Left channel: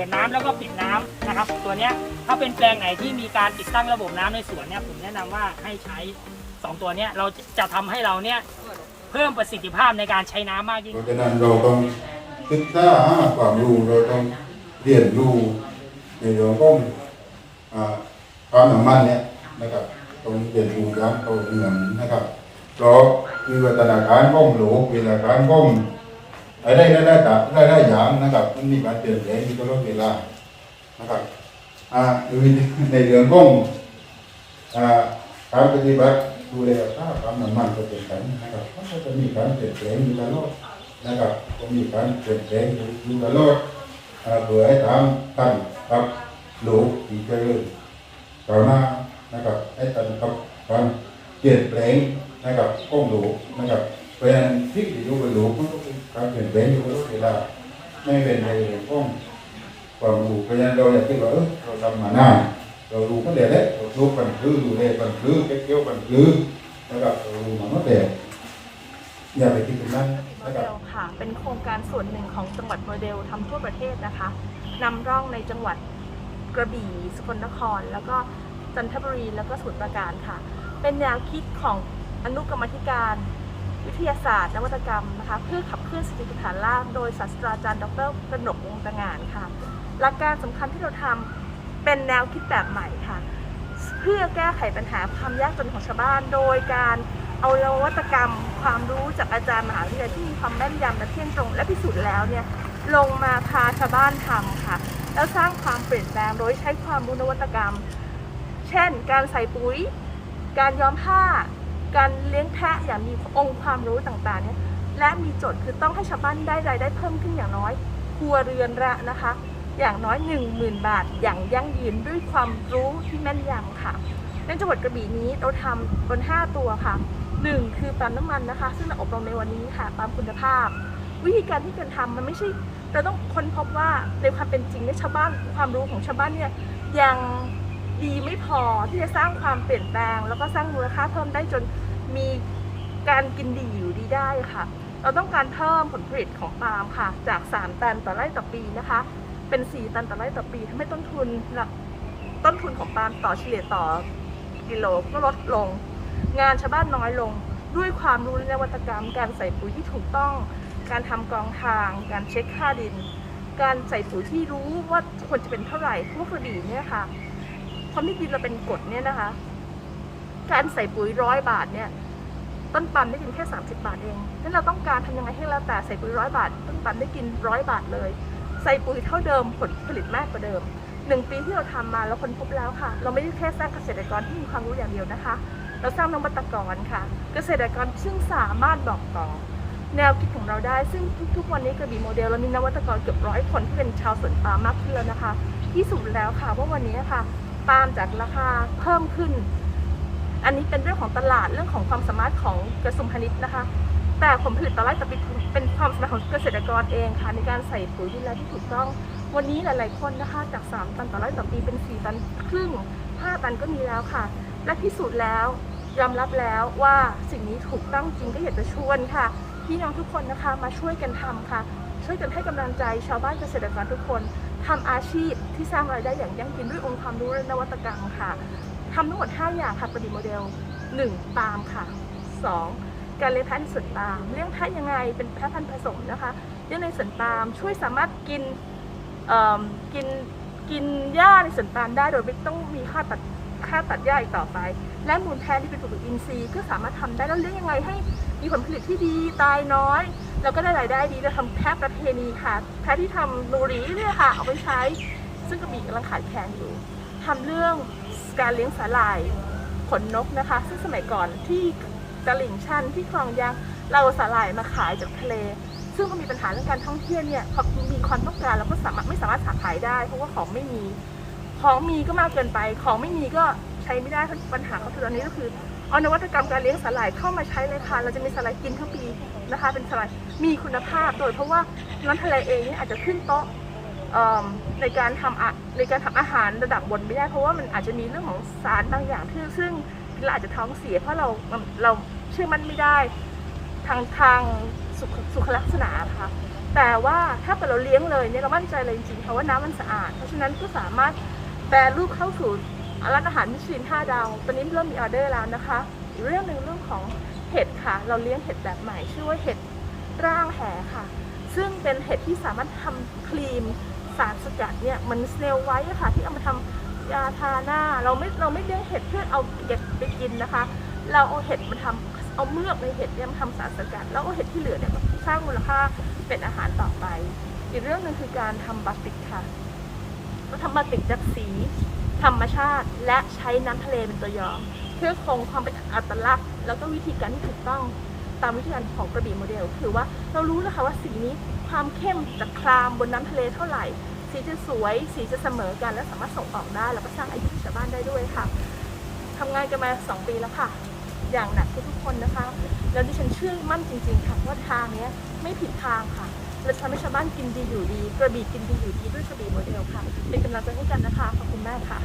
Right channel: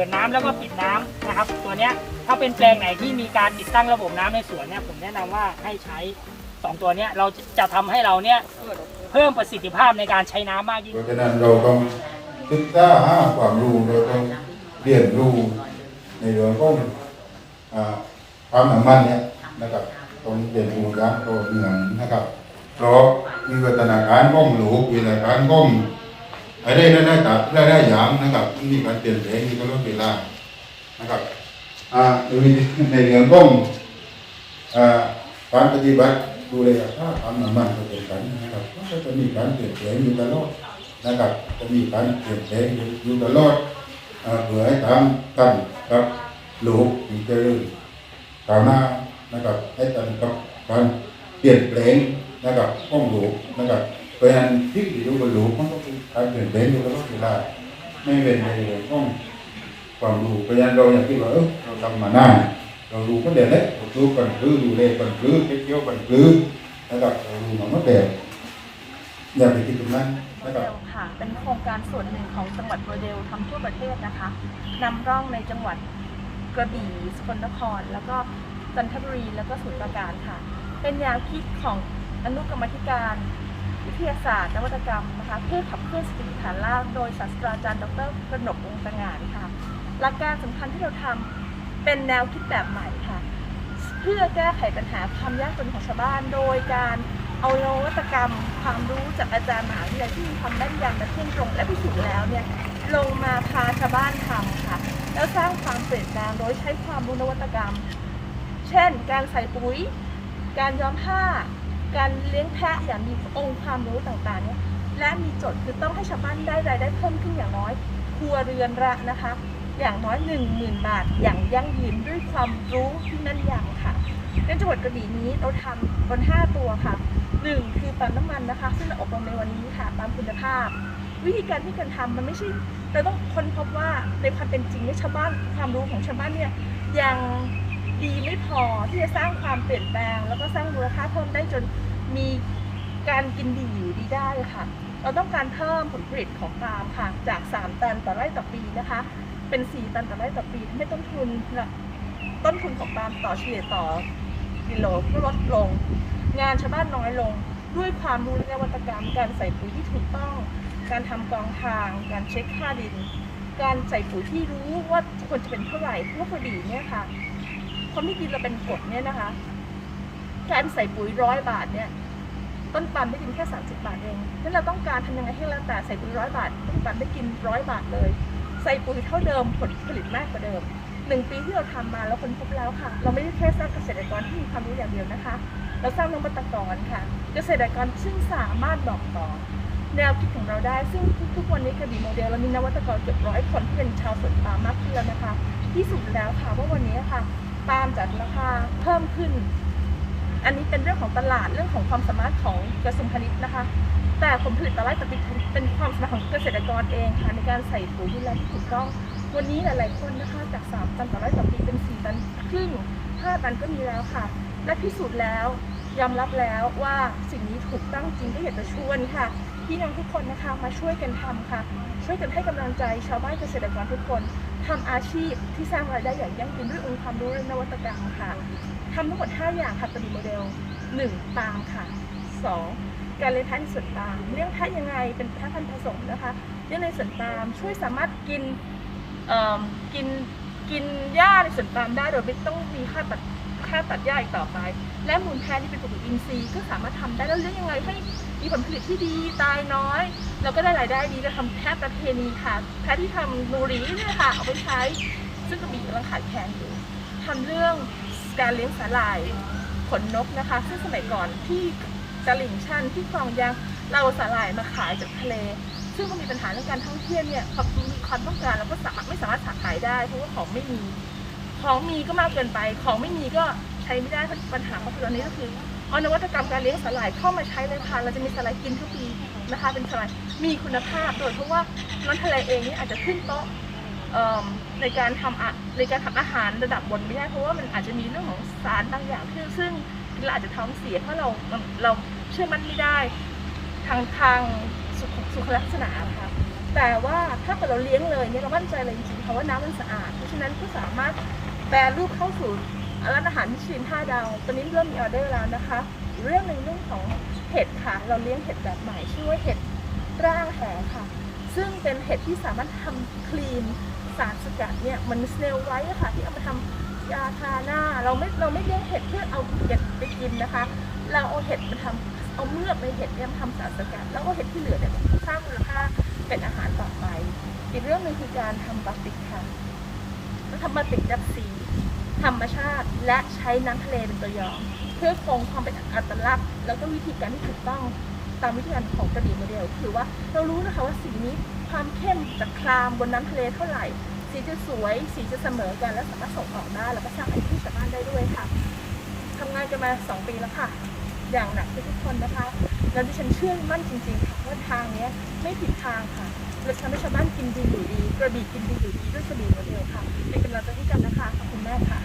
ปิดน้ำแล้วก็ปิดน้ำนะครับ ตัวเนี้ยถ้าเป็นแปลงไหนที่มีการติดตั้งระบบน้ำในสวนเนี่ยผมแนะนำว่าให้ใช้ 2 ตัวเนี้ยเราจะทำให้เราเนี่ยเพิ่มประสิทธิภาพในการใช้น้ำมากยิ่งเพราะฉะนั้นเราต้องศึกษาหาความรู้เราต้องเรียนรู้ในเรื่องของความน้ำมันเนี่ยนะครับต้องเรียนรู้อย่างต่อเนื่องนะครับเพราะวิวัฒนาการของโลกวิวัฒนาการขอ งอะไรนั่นนะกับได้ๆอย่างนะครับมันมีการเปลี่ยนแปลงมีตลดเวลานะครับอ่าในเรื่องของอ่าการปฏิบัติดูแลรักษาความน้ำมันก็เป็นกันนะครับมันก็จะมีการเปลี่ยนแปลงอยู่ตลอดนะครับจะมีการเปลี่ยนแปลงอยู่ตลอดเอ่อเพื่อให้ตามกันกับโลกที่เจริญก้าวหน้านะครับให้ตามกับการเปลี่ยนแปลงนะครับของโลกนะครับเพราะฉะนั้นที่อยู่บนโลกมัน ต้องเป็นการเปลี่ยนแปลงอยู่ตลอดเวลาไม่เป็นในเรื่องของความรู้เพราะฉะนั้นเราอยากคิดว่าเออเราทำมานานเรารู้ก็เดี๋ยวแล้วเรารู้ปันพื้ดูแลปันพื้เก็บเกี่ยวปันพื้นะครับเรารู้มาเมื่อแต่อย่าไปคิดตรงนั้นนะครับค่ะ เป็นโครงการส่วนหนึ่งของจังหวัดโมเดลทำทั่วประเทศนะคะนำร่องในจังหวัดกระบี่สกลนคร แล้วก็จันทบุรีแล้วก็สมุทรปราการค่ะ เป็นแนวคิดของอนุกรรมธิการ วิทยาศาสตร์นวัตกรรมนะคะเพื่อขับเคลื่อนเศรษฐกิจฐานรากโดยศาสตราจารย์ดรกระหนกวงศ์ตงานค่ะหลักการสำคัญที่เราทำเป็นแนวคิดแบบใหม่ค่ะ เพื่อแก้ไขปัญหาความยากจนของชาวบ้าน โดยการเอานวัตกรรม ความรู้จากอาจารย์มหาวิทยาลัยที่มีความแม่นยำและเที่ยงตรง และพิสูจน์แล้วเนี่ยลงมาพาชาวบ้านทำค่ะ แล้วสร้างความเปลี่ยนแปลงโดยใช้ความรู้นวัตกรรม เช่น การใส่ปุ๋ย การย้อมผ้า การเลี้ยงแพะอย่างมีองค์ความรู้ต่างๆเนี่ยและมีโจทย์คือต้องให้ชาวบ้านได้รายได้เพิ่มขึ้นอย่างน้อยครัวเรือนละนะคะ อย่างน้อย 10,000 บาท อย่างยั่งยืนด้วยความรู้ที่แม่นยำค่ะในจังหวัดกระบี่นี้เราทำบน 5 ตัวค่ะ 1 คือปั๊มน้ำมันนะคะ ซึ่งเราอบรมในวันนี้ค่ะปั๊มคุณภาพ วิธีการที่การทำมันไม่ใช่เราต้องค้นพบว่าในความเป็นจริงเนี่ยชาวบ้านความรู้ของชาวบ้านเนี่ยยัง ดีไม่พอที่จะสร้างความเปลี่ยนแปลง แล้วก็สร้างมูลค่าเพิ่มได้จนมีการกินดีอยู่ดีได้ค่ะ เราต้องการเพิ่มผลผลิตของปาล์มค่ะ จาก 3 ตันต่อไร่ต่อปีนะคะ เป็น 4 ตันต่อไร่ต่อปีทำให้ต้นทุนต้นทุนของปาล์มต่อเฉลี่ยต่อกิโลก็ลดลง งานชาวบ้านน้อยลง ด้วยความรู้และนวัตกรรม การใส่ปุ๋ยที่ถูกต้อง การทำกองทาง การเช็คค่าดิน การใส่ปุ๋ยที่รู้ว่าควรจะเป็นเท่าไหร่พวกระบี่เนี่ยค่ะ ความที่ดินเราเป็นกรดเนี่ยนะคะ การใส่ปุ๋ยร้อยบาทเนี่ย ต้นปันได้กินแค่ 30 บาทเองนั้นเราต้องการทำยังไงให้แล้วแต่ใส่ปุ๋ยร้อยบาท ต้นปันได้กินร้อยบาทเลย ใส่ปุ๋ยเท่าเดิมผลผลิตมากกว่าเดิมหนึ่งปีที่เราทำมาเราค้นพบแล้วค่ะ เราไม่ได้แค่สร้างเกษตรกรที่มีความรู้อย่างเดียวนะคะ เราสร้างนวัตกรค่ะ เกษตรกรซึ่งสามารถบอกต่อแนวคิดของเราได้ซึ่งทุกๆวันนี้กระบี่โมเดลเรามีนวัตกรเกือบร้อยคนที่เป็นชาวสวนปาล์มมากขึ้นแล้วนะคะ ที่สุดแล้วค่ะว่าวันนี้ค่ะ ปามจัดราคาเพิ่มขึ้น อันนี้เป็นเรื่องของตลาดเรื่องของความสามารถของกระทรวงพาณิชย์นะคะ แต่ผลผลิตต่อไร่ต่อปีเป็นความสามารถของเกษตรกรเองค่ะในการใส่ปุ๋ยดูแลที่ถูกต้อง วันนี้หลายๆคนนะคะ จาก 3 ตันต่อไร่ต่อปีเป็น 4 ตันครึ่ง 5 ตันก็มีแล้วค่ะ และพิสูจน์แล้วยอมรับแล้วว่าสิ่งนี้ถูกต้องจริงก็อยากจะชวนค่ะพี่น้องทุกคนนะคะมาช่วยกันทำค่ะ ช่วยกันให้กำลังใจชาวบ้านเกษตรกรทุกคน ทำอาชีพที่สร้างรายได้อย่างยั่งยืนด้วยองค์ความรู้และนวัตกรรมค่ะทำทั้งหมด 5 อย่างค่ะประดิษฐ์โมเดล 1. ปาล์มค่ะ 2. การเลี้ยงแพะในสวนปาล์มเลี้ยงแพะยังไงเป็นแพะพันธุ์ผสมนะคะเลี้ยงในสวนปาล์มช่วยสามารถกินเออกินกินหญ้าในสวนปาล์มได้โดยไม่ต้องมีค่าตัดค่าตัดหญ้าอีกต่อไป และมูลแพะที่เป็นปลูกอินทรีย์ก็สามารถทำได้แล้วเลี้ยงยังไงให้มีผลผลิตที่ดีตายน้อย แล้วก็ได้รายได้ดีก็ทำแพะประเพณีค่ะ แพะที่ทำนูรีเนี่ยค่ะเอาไปใช้ ซึ่งกระบี่กำลังขายแคลนอยู่ทำเรื่องการเลี้ยงสาหร่ายขนนกนะคะ ซึ่งสมัยก่อนที่ตลิ่งชันที่คลองยางเราสาหร่ายมาขายจากทะเล ซึ่งมันมีปัญหาเรื่องการท่องเที่ยวเนี่ยเขามีความต้องการแล้วก็สามารถไม่สามารถขายได้ เพราะว่าของไม่มี ของมีก็มากเกินไป ของไม่มีก็ใช้ไม่ได้ปัญหาก็คือตอนนี้ก็คือเอานวัตกรรมการเลี้ยงสาหร่ายเข้ามาใช้เลยค่ะ เราจะมีสาหร่ายกินทั้งปีนะคะ เป็นสาหร่าย มีคุณภาพโดยเพราะว่าน้ำทะเลเองเนี่ยอาจจะขึ้นโต๊ะในการทำในการทำอาหารระดับบนไม่ได้เพราะว่ามันอาจจะมีเรื่องของสารบางอย่างที่ซึ่งเราอาจจะท้องเสียเพราะเราเราเชื่อมันไม่ได้ทางทางสุขสุขลักษณะค่ะแต่ว่าถ้าเกิดเราเลี้ยงเลยเนี่ยเรามั่นใจเลยจริงๆค่ะว่าน้ำมันสะอาด เพราะฉะนั้นก็สามารถแปรรูปเข้าสู่ร้านอาหารมิชลิน5ดาว ตอนนี้เริ่มมีออเดอร์แล้วนะคะ เรื่องหนึ่งเรื่องของเห็ดค่ะ เราเลี้ยงเห็ดแบบใหม่ชื่อว่าเห็ด ร่างแหค่ะ ซึ่งเป็นเห็ดที่สามารถทำครีมสารสกัดเนี่ยมันสเนลไว้ค่ะ ที่เอามาทำยาทาหน้า เราไม่เราไม่เลี้ยงเห็ดเพื่อเอาเก็บไปกินนะคะ เราเอาเห็ดมาทำเอาเมือกในเห็ดเนี่ยมาทำสารสกัด แล้วเอาเห็ดที่เหลือเนี่ยมาสร้างมูลค่าเป็นอาหารต่อไป อีกเรื่องหนึ่งคือการทำบาติกค่ะเราทำบาติกจากสีธรรมชาติ และใช้น้ำทะเลเป็นตัวย้อม เพื่อคงความเป็นอัตลักษณ์ แล้วก็วิธีการที่ถูกต้อง ตามวิธีการของกระบี่โมเดลคือว่าเรารู้นะคะว่าสีนี้ความเข้มจะคลามบนน้ำทะเลเท่าไหร่ สีจะสวย สีจะเสมอกันและสามารถส่งออกได้ แล้วก็สร้างอาชีพให้ชาวบ้านได้ด้วยค่ะทำงานกันมา 2 ปีแล้วค่ะ อย่างหนักทุกคนนะคะแล้วดิฉันเชื่อมั่นจริง ๆ ค่ะว่าทางนี้ไม่ผิดทางค่ะเราทำให้ชาวบ้านกินดีอยู่ดี กระบี่กินดีอยู่ดีด้วยกระบี่โมเดลค่ะ เป็นกำลังใจให้กันนะคะ ขอบคุณแมากค่ะ